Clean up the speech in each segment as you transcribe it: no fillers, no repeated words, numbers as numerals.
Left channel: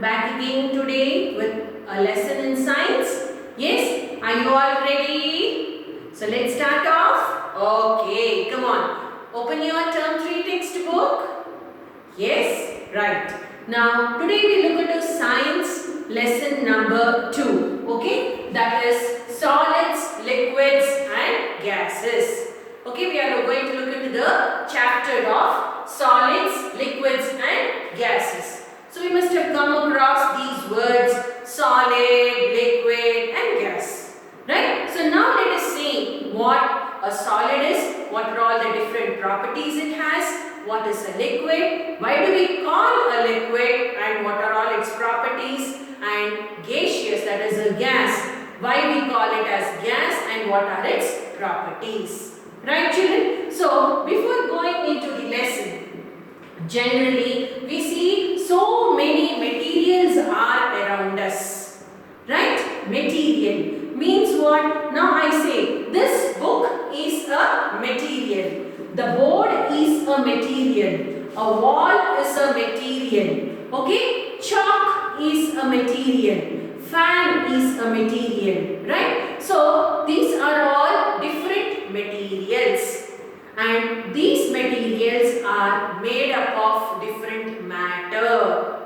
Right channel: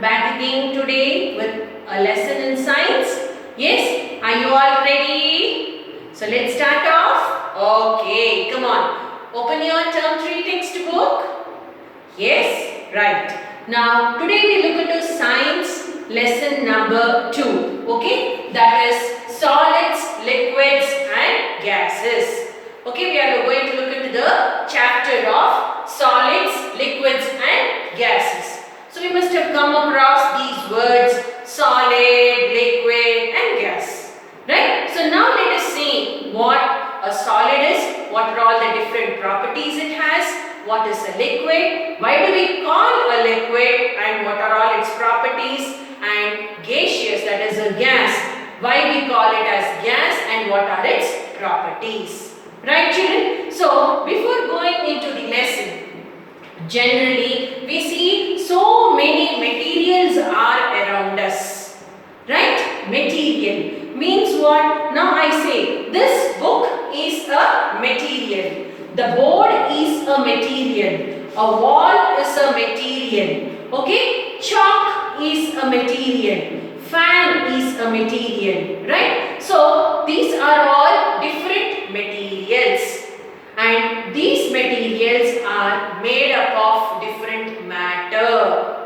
back again today with a lesson in science. Yes, are you all ready? So let's start off. Okay, come on. Open your term 3 textbook. Yes, right. Now today we look into science lesson number 2. Okay, that is solids, liquids and gases. Okay, we are going to look into the chapter of solids, liquids and gases. So we must have come across these words solid, liquid and gas. Right? So now let us see what a solid is, what are all the different properties it has, what is a liquid, why do we call a liquid and what are all its properties, and gaseous, that is a gas, why we call it as gas and what are its properties. Right children? So before going into the lesson, generally we see so many materials are around us. Right? Material means what? Now I say this book is a material. The board is a material. A wall is a material. Okay? Chalk is a material. Fan is a material. Right? So these are all different materials. And these materials are made up of different matter.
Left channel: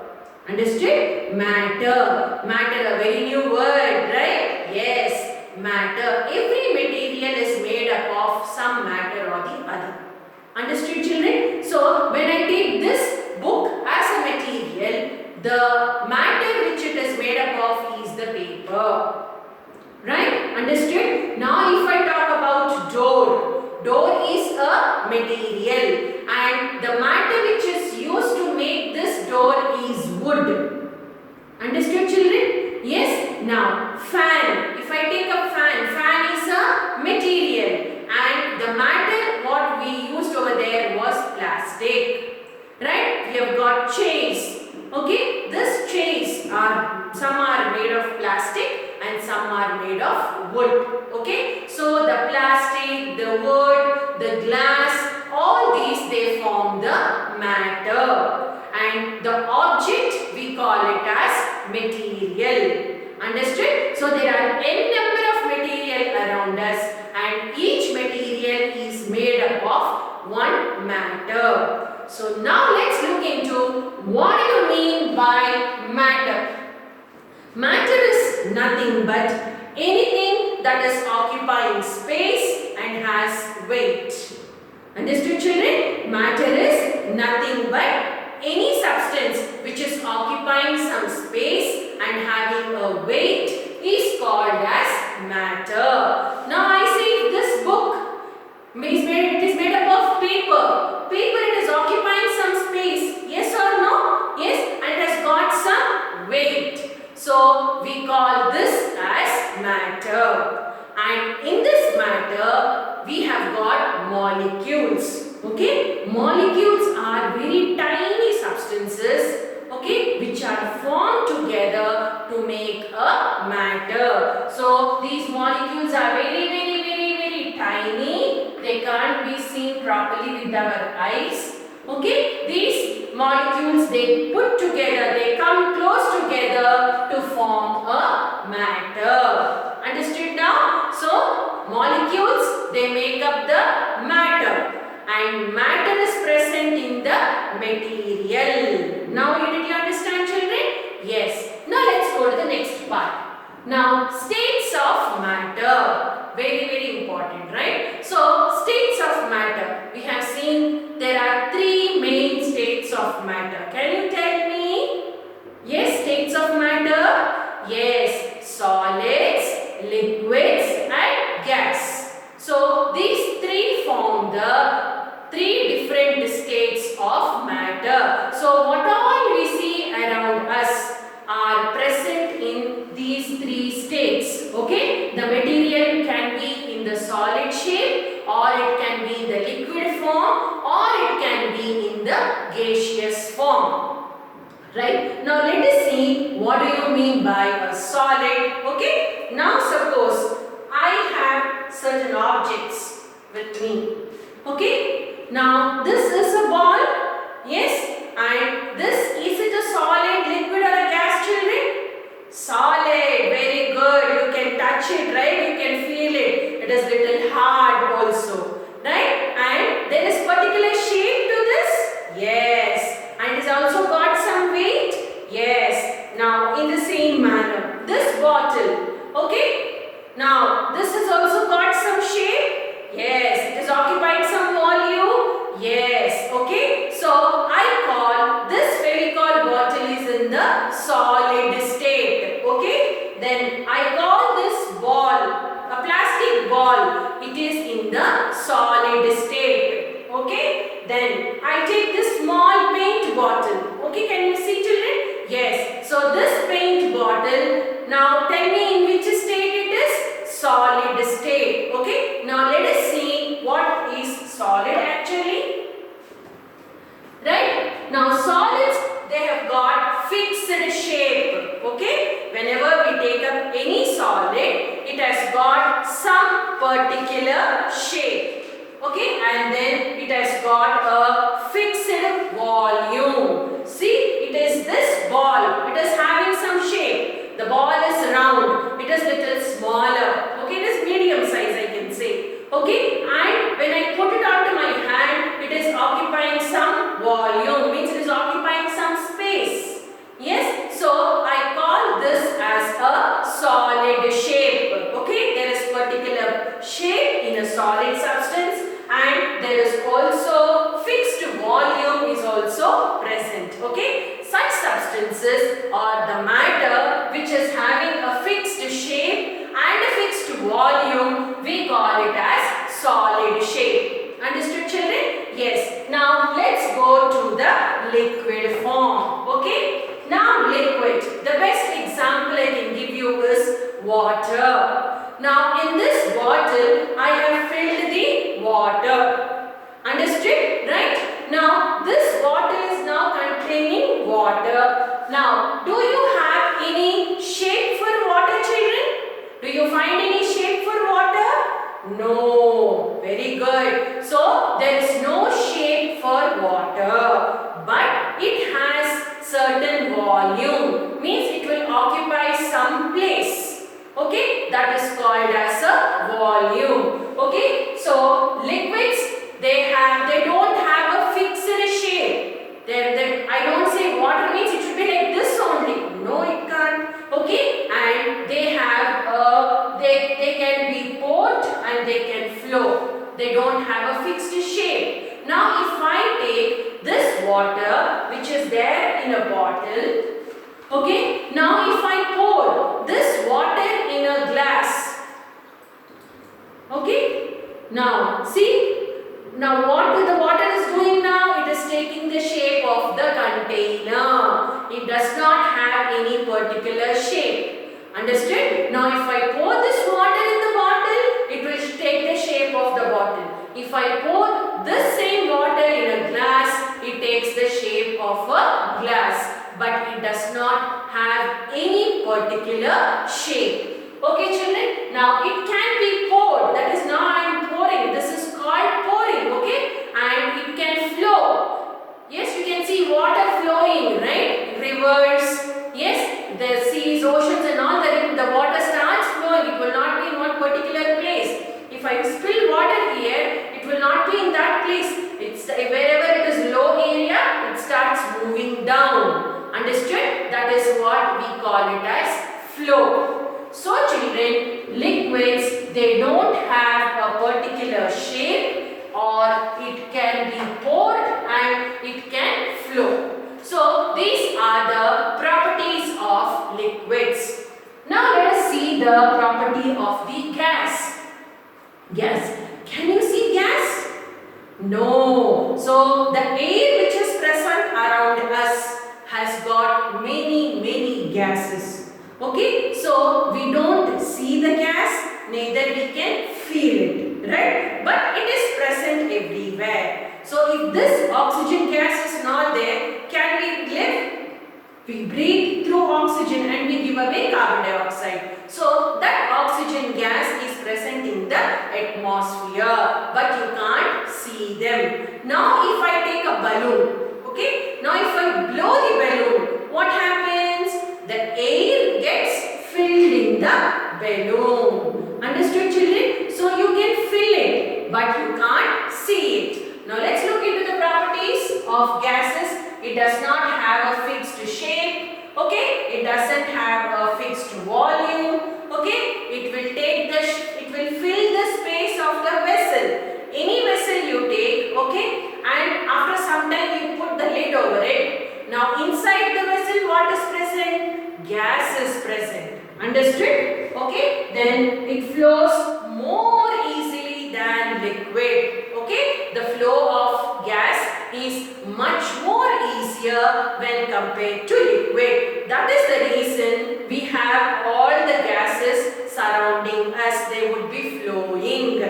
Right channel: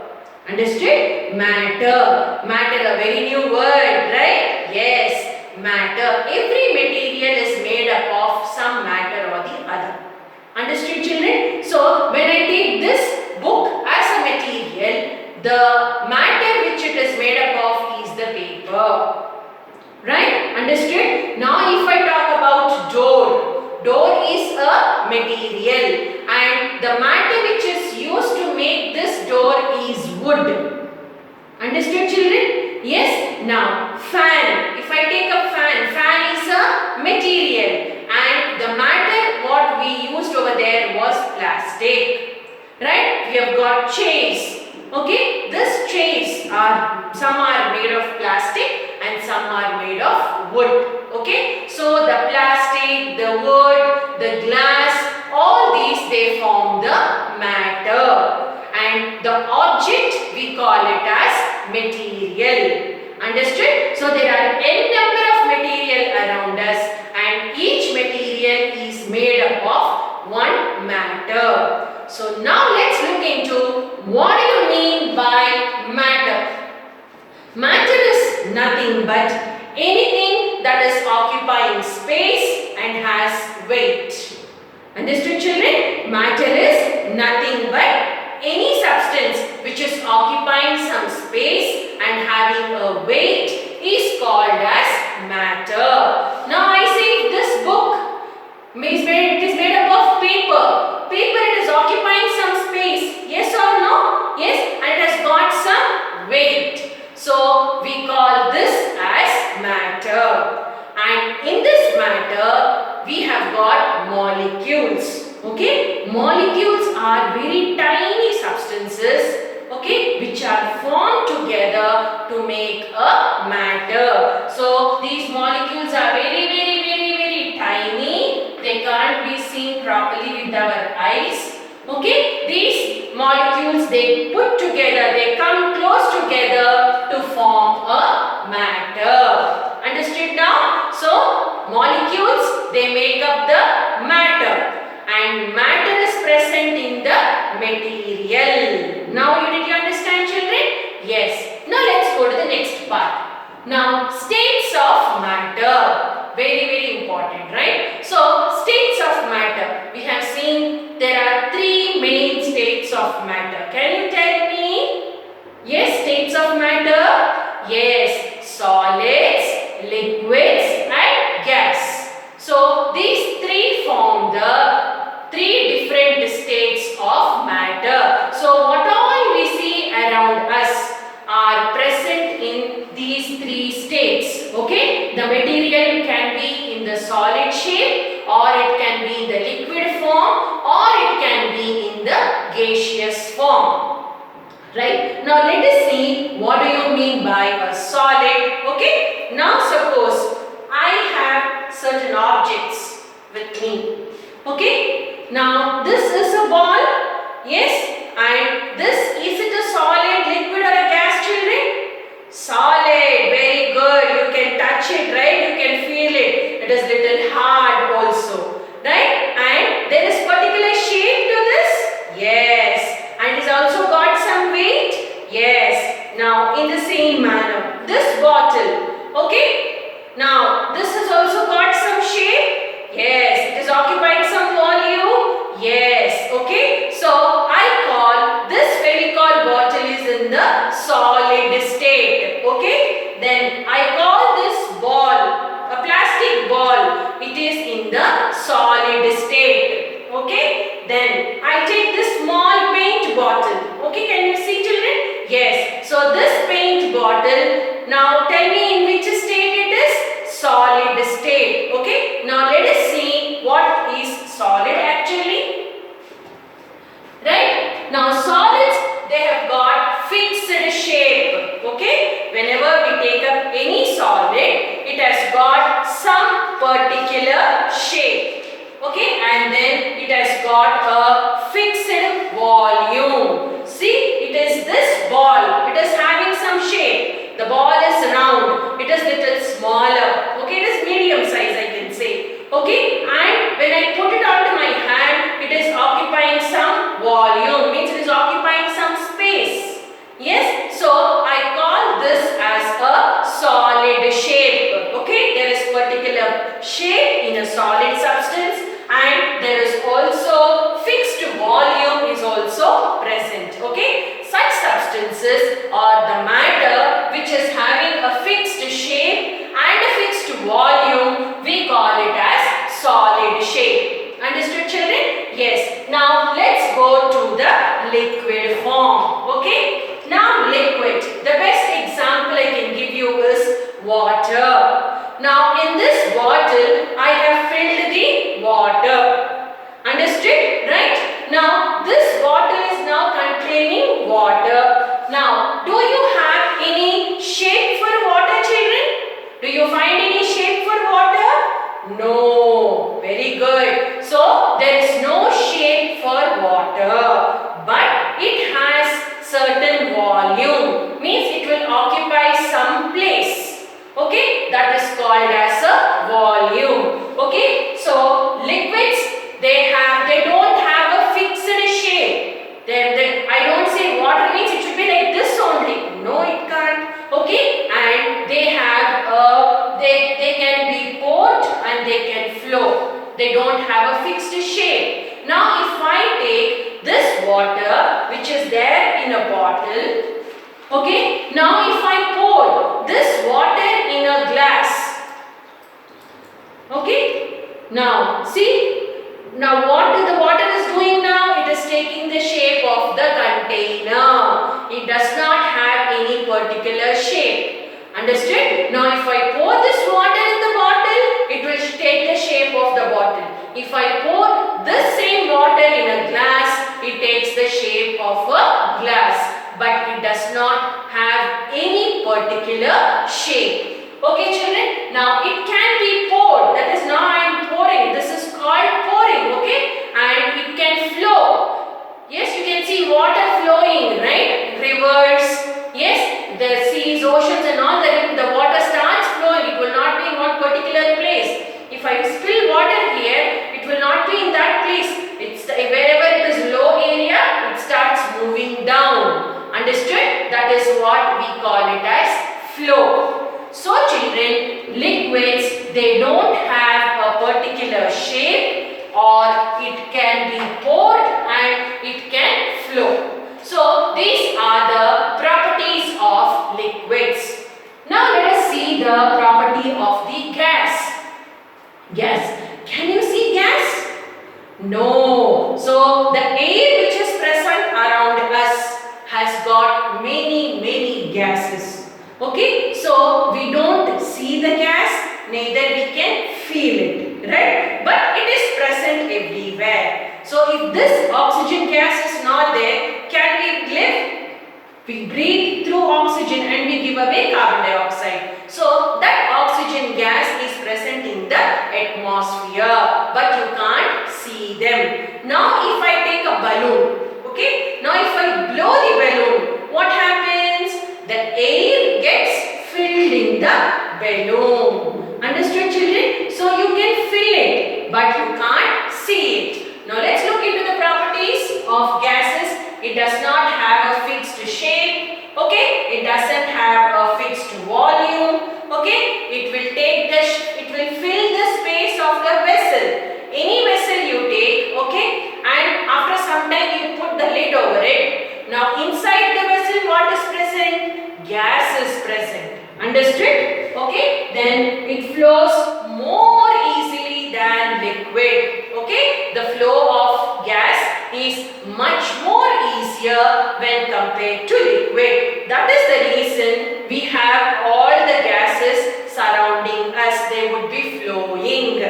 Understood? Matter. Matter, a very new word, right? Yes, matter. Every material is made up of some matter or the other. Understood, children? So, when I take this book as a material, the matter which it is made up of is the paper. Right? Understood? Now, if I talk about door. Door is a material and the matter which is used to make this door is wood. Understood, children? Yes? Now, fan. If I take a fan, fan is a material and the matter what we used over there was plastic. Right? We have got chairs. Okay? These chairs are, some are made of plastic and some are made of wood. Okay? So, the plastic, the wood, the glass, all these they form the matter. And the object we call it as material. Understood? So, there are n number of material around us and each material is made up of one matter. So, now let's look into what do you mean by matter. Matter is nothing but anything that is occupying space and has weight. Understood, children? Matter is nothing but any substance which is occupying some space and having a weight is called as matter. Now I say this book it is made up of paper. Paper, it is occupying some space. Yes or no? Yes, and it has got some weight. So we call this as matter. And in this matter, we have got molecules. Okay? Molecules are very tiny substances, okay, which are formed together to make a matter. So these molecules are very tiny. They can't be seen properly with our eyes. Okay? These molecules, they put together, they come close together to form a matter. Understood now? So, molecules, they make up the matter. And matter is present in the material. Now, did you understand, children? Yes. Now, let's go to the next part. Now, states of matter. Very important, right? So, states of matter. We have seen there are 3 main states of matter. Can you tell me? Yes, states of matter? Yes, solids, liquids and gas. So, these 3 form the 3 different states of matter. So, what all we see around us are present in these 3 states. Okay? The material can be in the solid shape or it can be in the liquid form or it can be in the gaseous form. Right? Now let us see what do you mean by a solid. Okay? Now suppose I have certain objects with me. Okay? Now this is a ball. Yes? And this, is it a solid, liquid or a gas? whenever we take up any solid, it has got some particular shape. Okay, and then it has got a fixed volume. See, it is this ball. It is having some shape. The ball is round. It is little smaller. Okay, it is medium size, I can say. Okay, and when I put it onto my hand, it is occupying some volume. Means it is occupying some space. Yes, so I call this as a solid shape. Okay, there is particular shape in a solid substance. And there is also fixed volume is also present. Okay, such substances are the matter which is having a fixed shape and a fixed volume. We call it as solid shape. Understood, children? Yes. Now let's go to the liquid form. Okay. Now liquid. The best example I can give you is water. Now in this bottle, I have filled the water. Understood? Right? Now this bottle is now containing water. Now, do you have any shape for water, children? Do you find any shape for water? No. Very good. So there is no shape for water, but it has certain volume. Means it will occupy some place. Okay, that is called as a volume. Okay, so liquids, they don't have a fixed shape. I don't say water means it should be like this only. No, it can't. Okay, and they have they can be poured and they can flow. They don't have a fixed shape. Now, if I take this water which is there in a bottle. Okay, now if I pour this water in a glass. Okay, now see, now what the water is doing now? It is taking the shape of the container. It does not have any particular shape. Understood? Now if I pour this water in the bottle, it will take the shape of the bottle. If I pour this same water in a glass, it takes the shape of a glass. But it does not have any particular shape. Okay, children? Now it can be poured. That is, now I am pouring. This is called pouring. Okay? And it can flow. Yes, you can see water flowing, right? Rivers. Yes, the seas, oceans and all, the water starts flowing. It will not be in one particular place. If I spill water here, it will not be in that place. Wherever it is low area, it starts moving down. Understood? That is what we call it as flow. So children, liquids, they don't have a particular shape, or it can be poured and it can flow. So these are the properties of liquids. Now let us see the property of the gas. Gas. Can you see gas? No. So the air which is present around us has got many gases. Okay, so we don't see the gas, neither we can feel it, right? But it is present everywhere. So if this oxygen gas is not there, can we live? We breathe through oxygen and we give away carbon dioxide. So that oxygen gas is present in the atmosphere, but you can't see them. Now if I take a balloon, okay, now if I blow the balloon, what happens? The air gets filled in the balloon. Understood, children? So you can feel it, but you can't see it. Now let's look into the properties of gases. It does not have a fixed shape. Okay, it doesn't have a fixed volume. Okay, it will fill the space of the vessel. Any vessel you take, okay, and after some time you put the lid over it. Now inside the vessel, what is present? Gas is present. Understood? Okay, then it flows more easily than liquid. Okay, the flow of gas is much more easier when compared to liquid. That is the reason we have all the gases surrounding us. They would be flowing.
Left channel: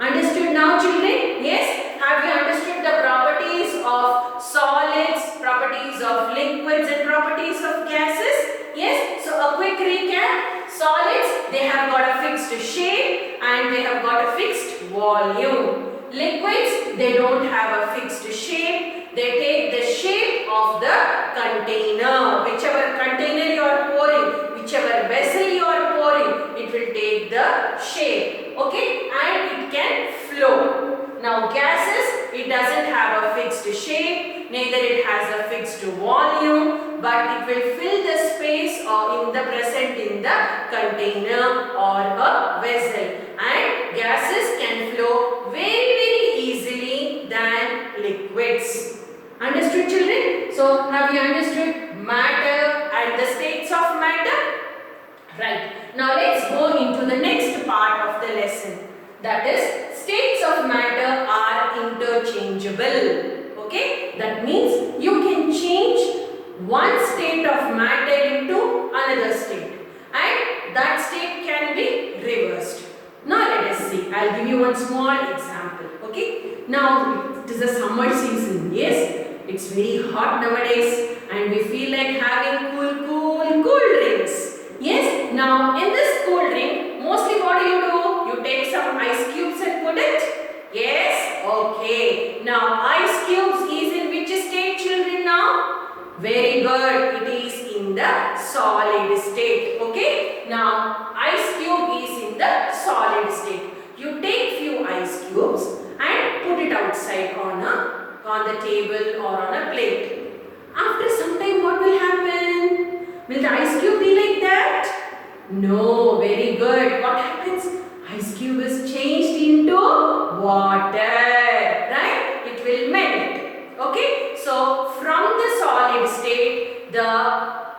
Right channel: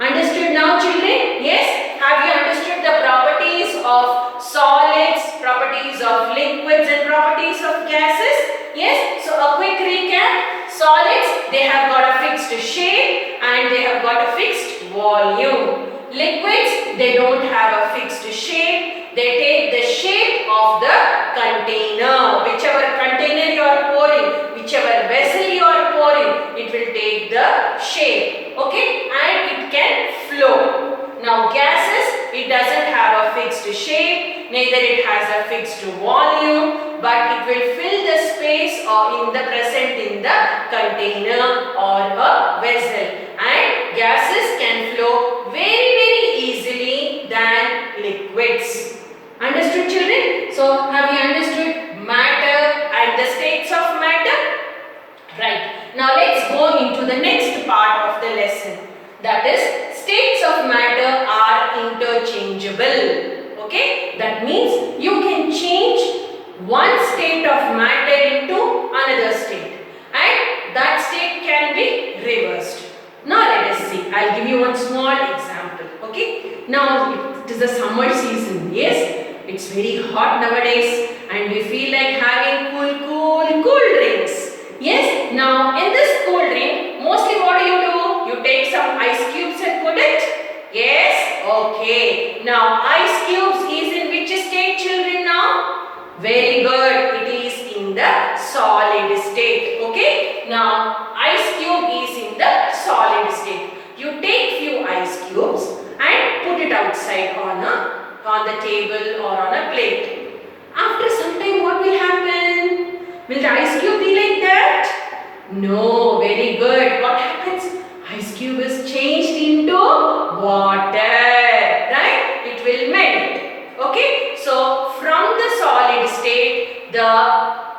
Understood now, children? Yes? Have you understood the properties of solids, properties of liquids and properties of gases? Yes, so a quick recap. Solids, they have got a fixed shape and they have got a fixed volume. Liquids, they don't have a fixed shape. They take the shape of the container. Whichever container you are pouring, whichever vessel you are pouring, it will take the shape. Okay, and it can flow. Now gases, it doesn't have a fixed shape, neither it has a fixed volume, but it will fill the space or in the present in the container or a vessel. And gases can flow very easily than liquids. Understood, children? So have you understood matter and the states of matter? Right. Now let's go into the next part of the lesson. That is, states of matter are interchangeable. Okay? That means you can change one state of matter into another state. And that state can be reversed. Now let us see. I'll give you one small example. Okay? Now it is a summer season. Yes? It's very hot nowadays and we feel like having cool drinks. Yes, now in this cool drink, mostly what do? You take some ice cubes and put it? Yes, okay. Now ice cubes is in which state, children, now? Very good, it is in the solid state. Okay, now ice cube is in the solid state. You take few ice cubes and put it outside on the table or on a plate. After some time, what will happen? Will the ice cube be like that? No, very good. What happens? Ice cube is changed into water, right? It will melt. Okay, so from the solid state, the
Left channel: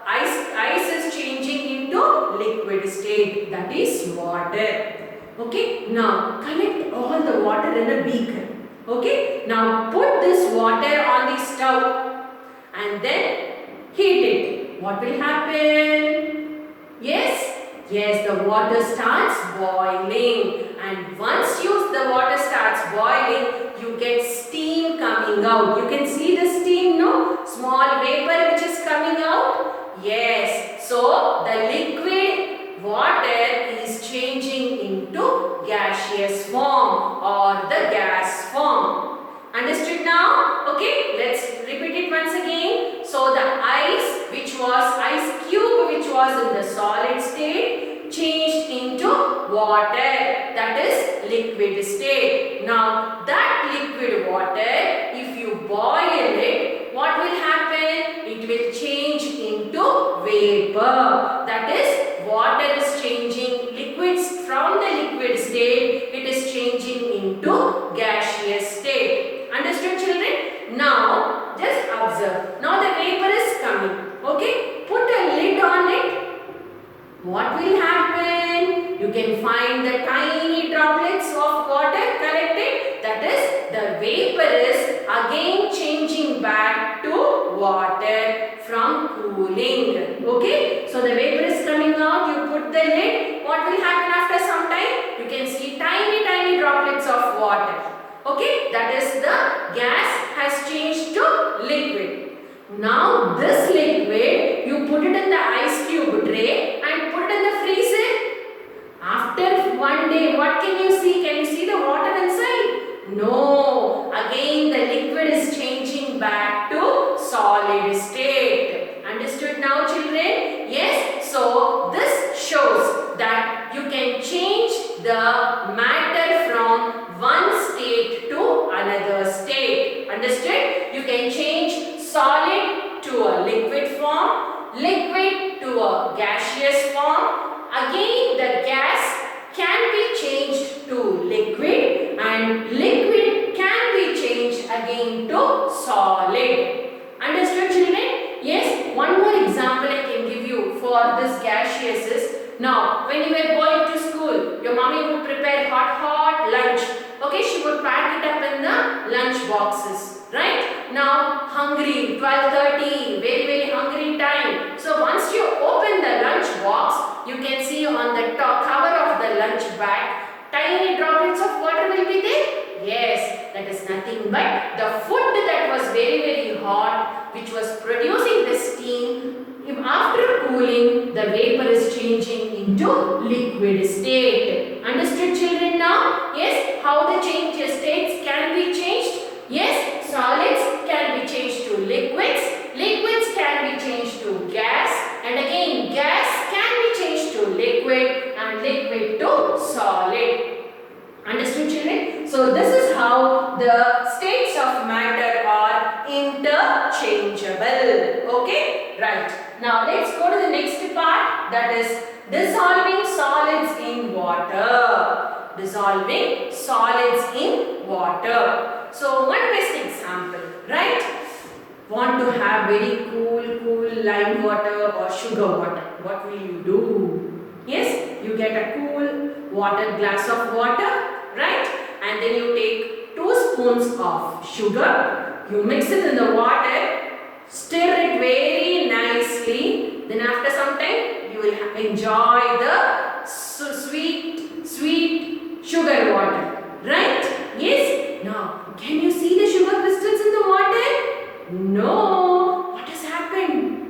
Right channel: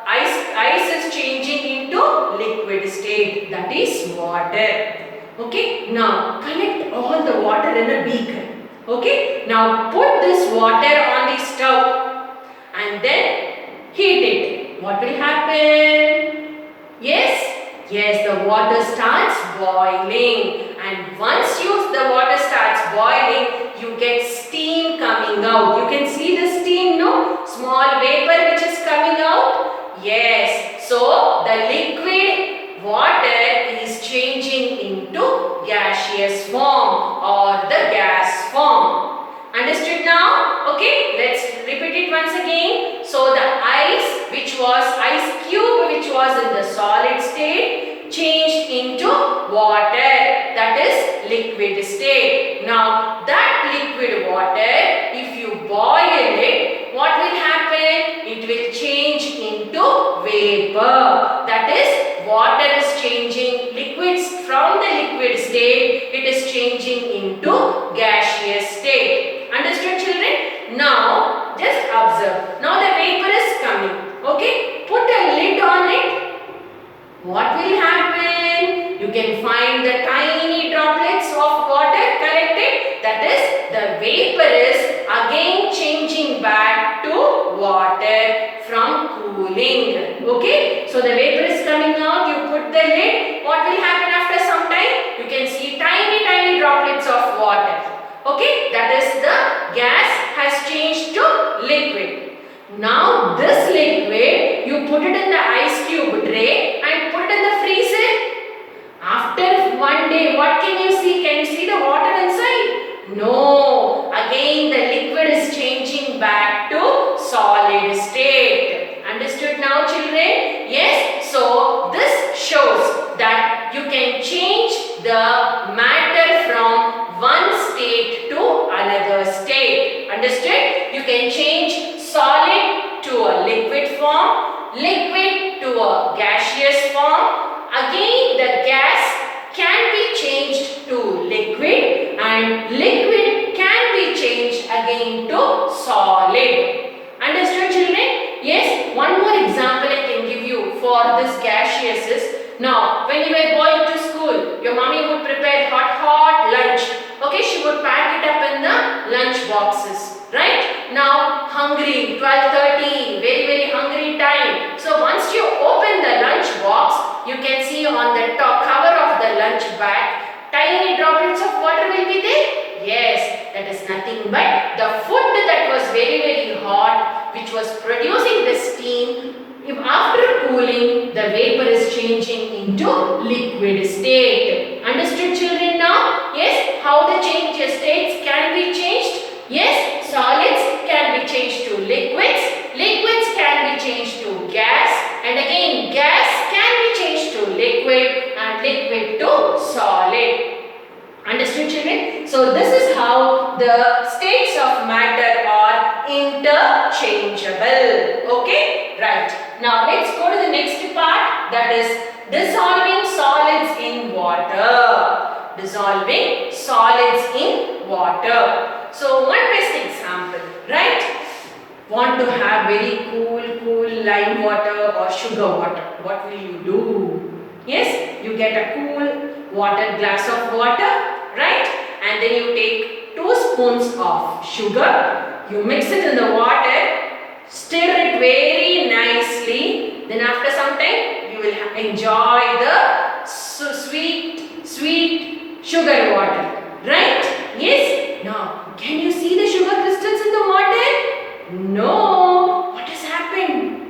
ice is changing into liquid state, that is water. Okay, now collect all the water in a beaker. Okay, now put this water on the stove and then heat it. What will happen? Yes, the water starts boiling, and once the water starts boiling, you get steam coming out. You can see the steam, no? Small vapor which is coming out. Yes, so the liquid water is changing into gaseous form or the gas form. Understood now? Okay, let's repeat it once again. So the ice cube which was in the solid state changed into water, that is liquid state. Now that liquid water, if you boil it, what will happen? It will change into vapor. That is, water is changing liquids from the liquid state, it is changing into gaseous state. Understood, children? Now just observe. Now the vapor is coming. Okay, put a lid on it. What will happen? You can find the tiny droplets of water collected. That is, the vapor is again changing back to water from cooling. Okay, so the vapor is coming out. You put the lid. What will happen after some time? You can see tiny droplets of water. Okay, that is, the gas has changed to liquid. Now this liquid, you put it in the ice cube tray and put it in the freezer. After one day, what can you see? Can you see the water inside? No. Again the liquid is changing back to solid state. Understood now, children? Yes. So this shows that you can change the matter from one state to another state. Understood? You can change solid to a liquid form, liquid to a gaseous form. Again, the gas can be changed to liquid and liquid can be changed again to solid. Understood, children? Yes, one more example I can give you for this gaseous is, now when you were going to school, your mommy would prepare hot lunch. Okay, she would pack it up in the lunch boxes. Right? Now hungry, 12:30, very hungry time. So once you open the lunch box, you can see on the top cover of the lunch bag, tiny droplets of water will be there. Yes, that is nothing but the food that was very hot which was producing the steam, if after cooling, the vapor is changing into liquid state. Understood, children, now? Yes, how the states can be changed? Yes, solids can be changed to liquids. Liquids can be changed to gas. And again, gas can be changed to liquid and liquid to solid. Understood, children? So this is how the states of matter are interchangeable. Okay? Right. Now let's go to the next part, that is dissolving solids in water. Dissolving solids in water. So one best example, right? Want to have very cool lime water or sugar water. What will you do? Yes, you get a cool glass of water, right? And then you take 2 spoons of sugar. You mix it in the water, stir it very nicely. Then after some time, you will enjoy the sweet sugar water, right? Yes. Now, can you see the sugar crystals in the water? No. What has happened?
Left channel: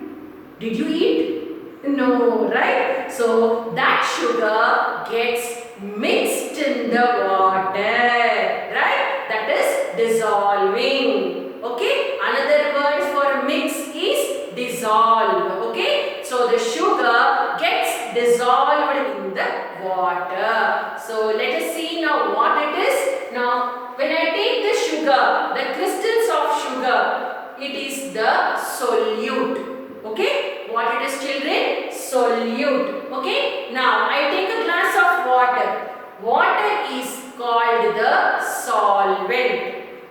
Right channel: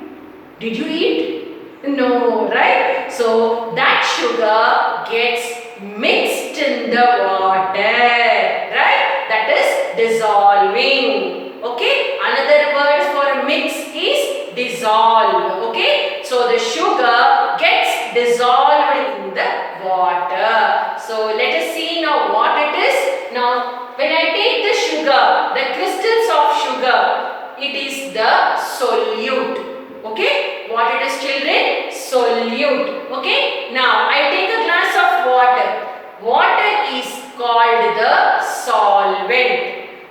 Did you eat? No, right? So that sugar gets mixed in the water, right? That is dissolving. Okay? Another word for mix is dissolve. Okay? So the sugar gets dissolved in the water. So let us see now what it is. Now when I take the sugar, the crystals of sugar, it is the solute. Okay? What it is, children? Solute. Okay? Now I take a glass of water. Water is called the solvent.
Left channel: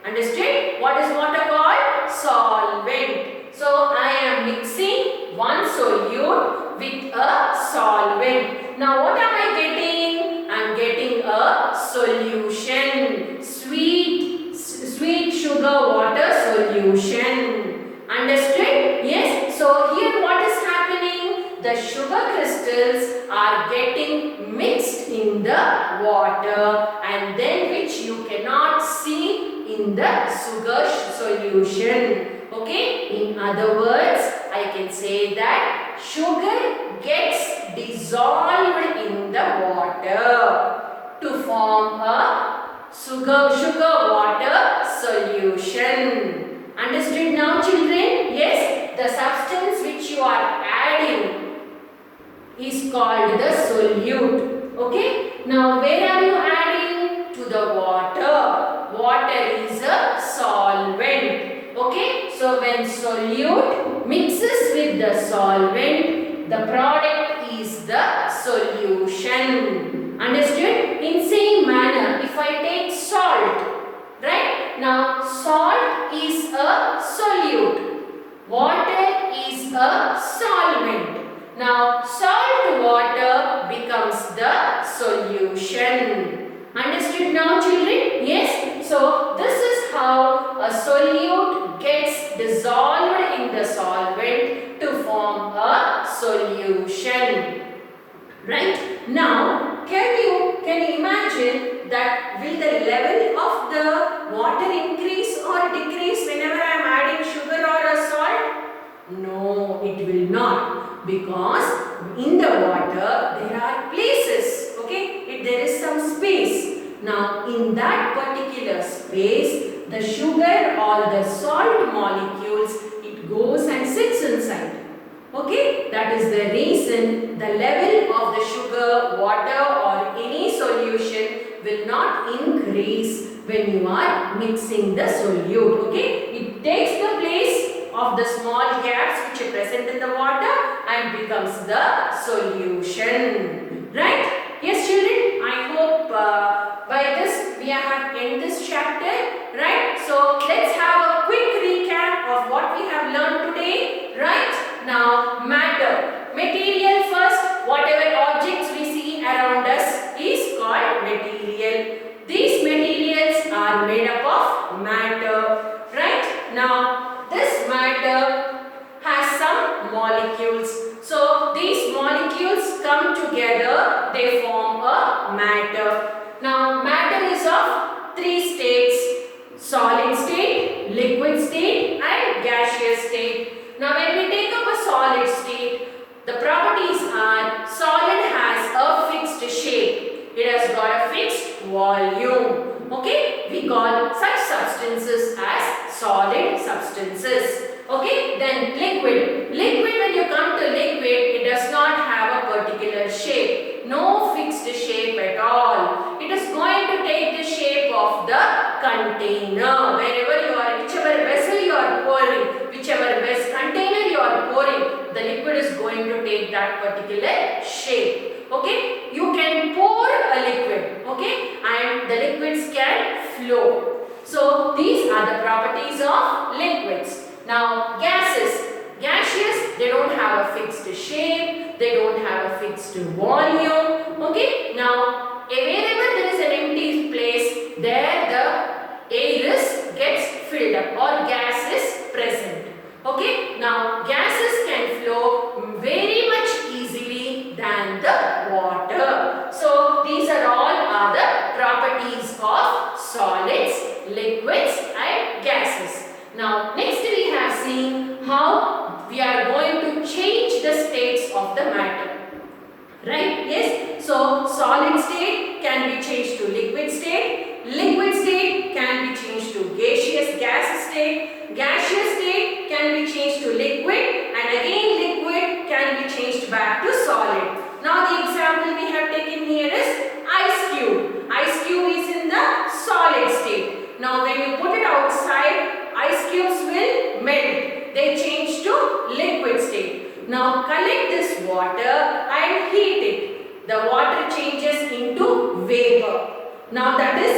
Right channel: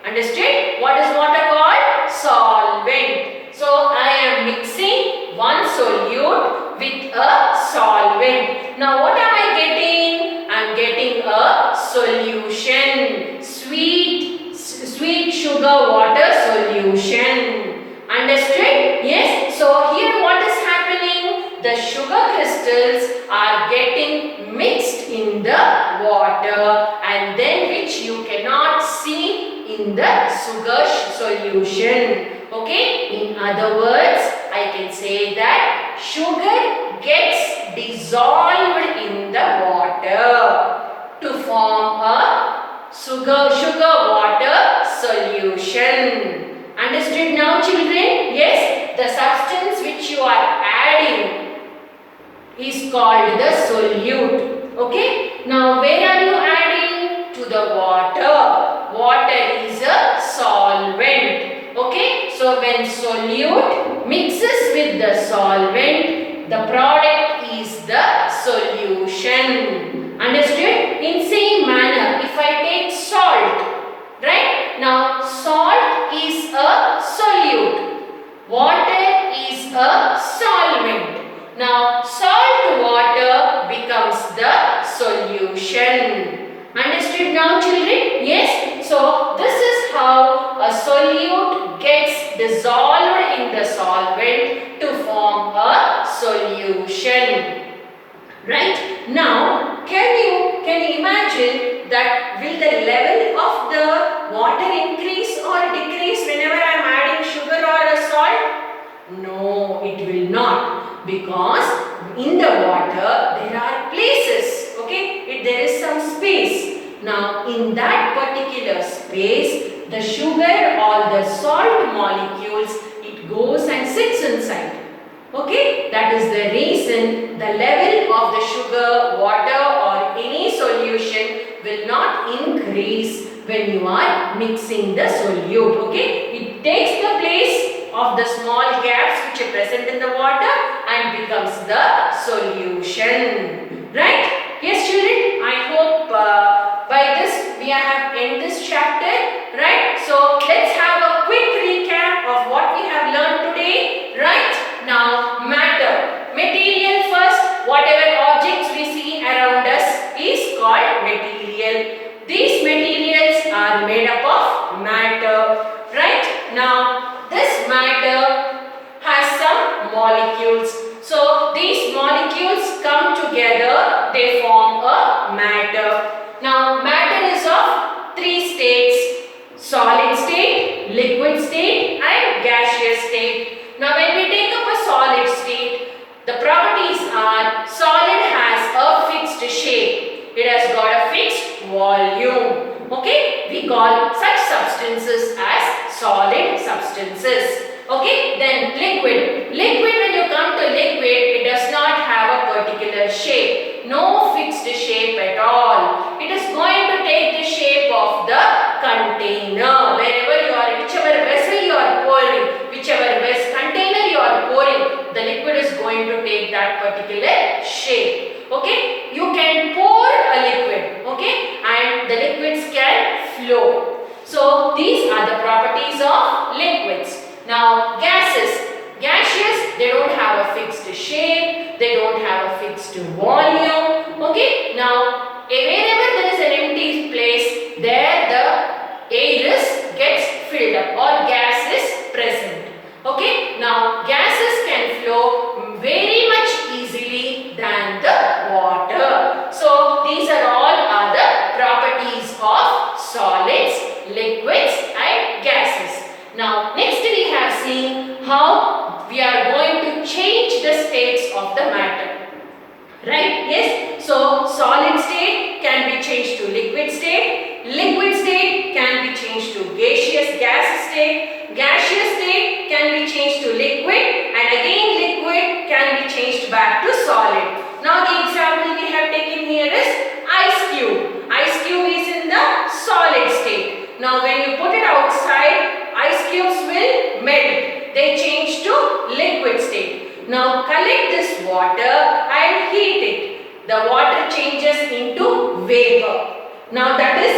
Understood? What is water called? Solvent. So I am mixing one solute with a solvent. Now what am I getting? I am getting a solution. Sweet sugar water solution. Understood? Yes. So here what is happening? The sugar crystals are getting mixed in the water, and then which you cannot see in the sugar solution. Okay? In other words, I can say that sugar gets dissolved in the water to form a sugar water solution. Understood now, children? Yes, the substance which you are adding is called the solute. Okay? Now where are you adding? To the water. Water is a solvent. Okay? So when solute mixes with the solvent, the product is the solution. Understood? In same manner, if I take salt, right? Now salt is a solute. Water is a solvent. Now salt water becomes the solution. Understood now, children? Yes. So this is how a solute gets dissolved in the solvent to form a solution. Right? Now can you imagine that will the level of the water increase or decrease whenever I am adding sugar or a salt? No, it will not, because in the water there are places. Okay, there is some space. Now in that particular space, the sugar or the salt molecules, it goes and sits inside. Okay, that is the reason the level of the sugar, water or any solution will not increase when you are mixing the solute. Okay, it takes the place of the small gaps which are present in the water and becomes the solution. Right? Yes, children, I hope by this we have ended this chapter. Right? So let's have a quick recap of what we have learned today. Right? Now matter. Material first. Whatever objects we see around us is called material. These materials are made up of matter. Right? Now this matter has some molecules. So these molecules come together, they form a matter. Now matter is of 3 states: solid state, liquid state and gaseous state. when we take up a solid state, the properties are solid has a fixed shape. It has got a fixed volume. Okay, we call such substances as solid substances. Okay, then liquid. Liquid, when you come to liquid, it does not have a particular shape. No fixed shape at all. It is going to take the shape of the container. Wherever you are, whichever vessel you are pouring, whichever container you are pouring, the liquid is going to take that particular shape. Okay, you can pour a liquid, okay, and the liquids can flow. So these are the properties of liquids. Now gases. Gaseous, they don't have a fixed shape, they don't have a fixed volume. Okay, now wherever there is an empty place, there the air gets filled up or gas is present. Okay, now gases can flow very much easily than the water. So these are all the properties of solids, liquids and gases. Now next we have seen how we are going to change the states of the matter. Right? Yes. So solid state can be changed to liquid state. Liquid state can be changed to gaseous gas state. Gaseous state can be changed to liquid, and again liquid can be changed back to solid. Now the example we have taken here is ice cube. Ice cube is in the solid state. Now when you put it outside, ice cubes will melt. They change to liquid state. Now collect this water and heat it. The water changes into vapor. Now that is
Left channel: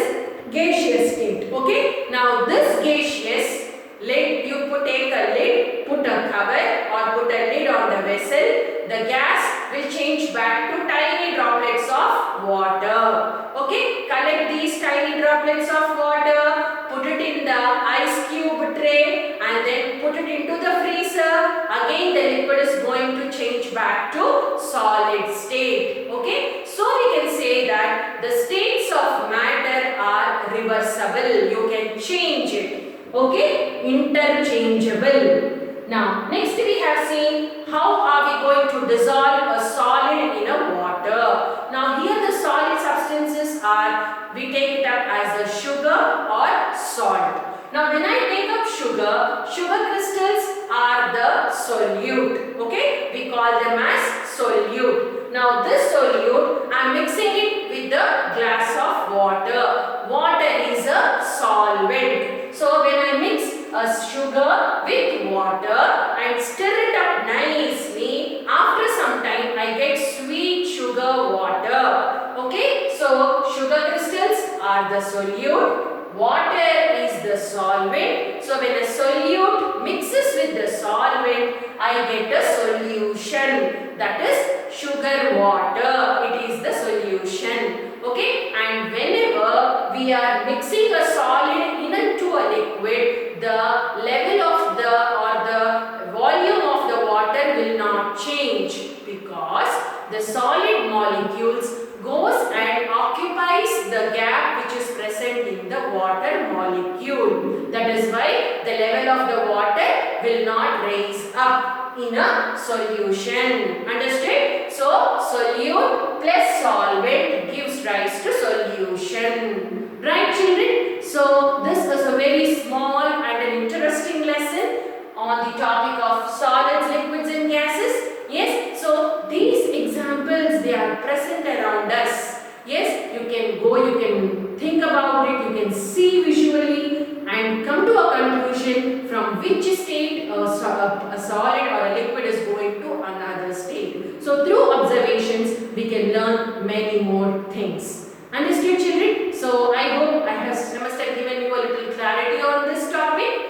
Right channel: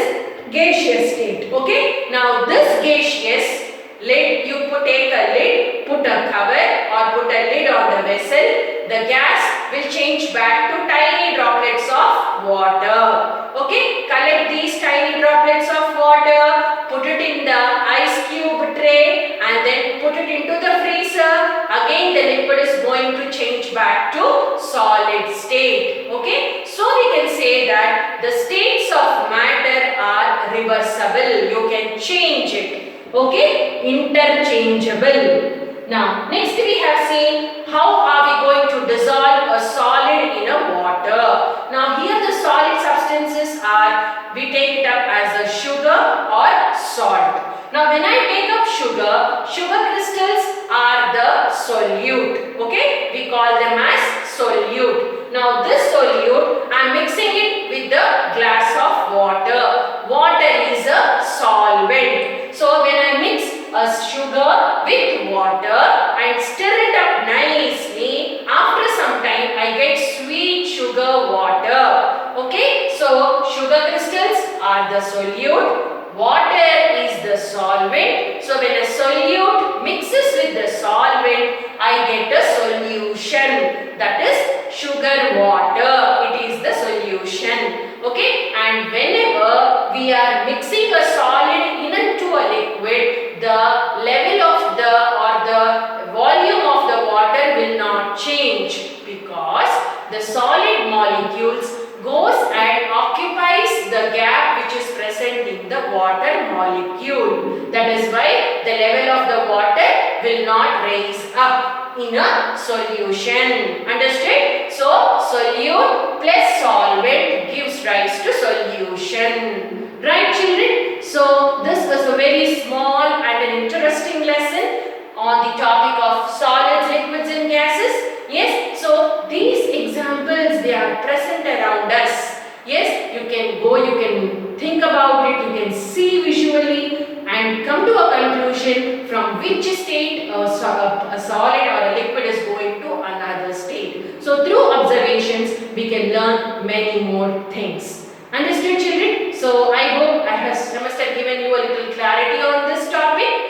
gaseous state. Okay. Now this gaseous lid, you take a lid, put a cover or put a lid on the vessel. The gas will change back to tiny droplets of water. Okay. Collect these tiny droplets of water, put it in the ice cube tray and then put it into the freezer. Again the liquid is going to change back to solid state. Okay. So we can say that the states of matter are reversible. You can change it. Okay, interchangeable. Now, next we have seen how are we going to dissolve a solid in a water. Now, here the solid substances are, we take it up as a sugar or salt. Now, when I take up sugar, sugar crystals are the solute. Okay, we call them as solute. Now, this solute, I am mixing it with the glass of water. Water is a solvent. So when I mix a sugar with water and stir it up nicely, after some time I get sweet sugar water. Okay, so sugar crystals are the solute, water is the solvent. So when a solute mixes with the solvent, I get a solution, that is sugar water. It is the solution. Okay, and whenever we are mixing a solid into a liquid, the level of the volume of the water will not change, because the solid molecules goes and occupies the gap which is present in the water molecule. That is why the level of the water will not raise up in a solution. Understood? So solute plus solvent gives rise to solution. Right, children? So this is a very small and an interesting lesson on the topic of solids, liquids and gases. Yes, so these examples, they are present around us. Yes, you can go, you can think about it, you can see visually and come to a conclusion from which state a solid or a liquid is going to another state. So through observations, we can learn many more things. Understood, children? So I hope I must have given you a little clarity on this topic.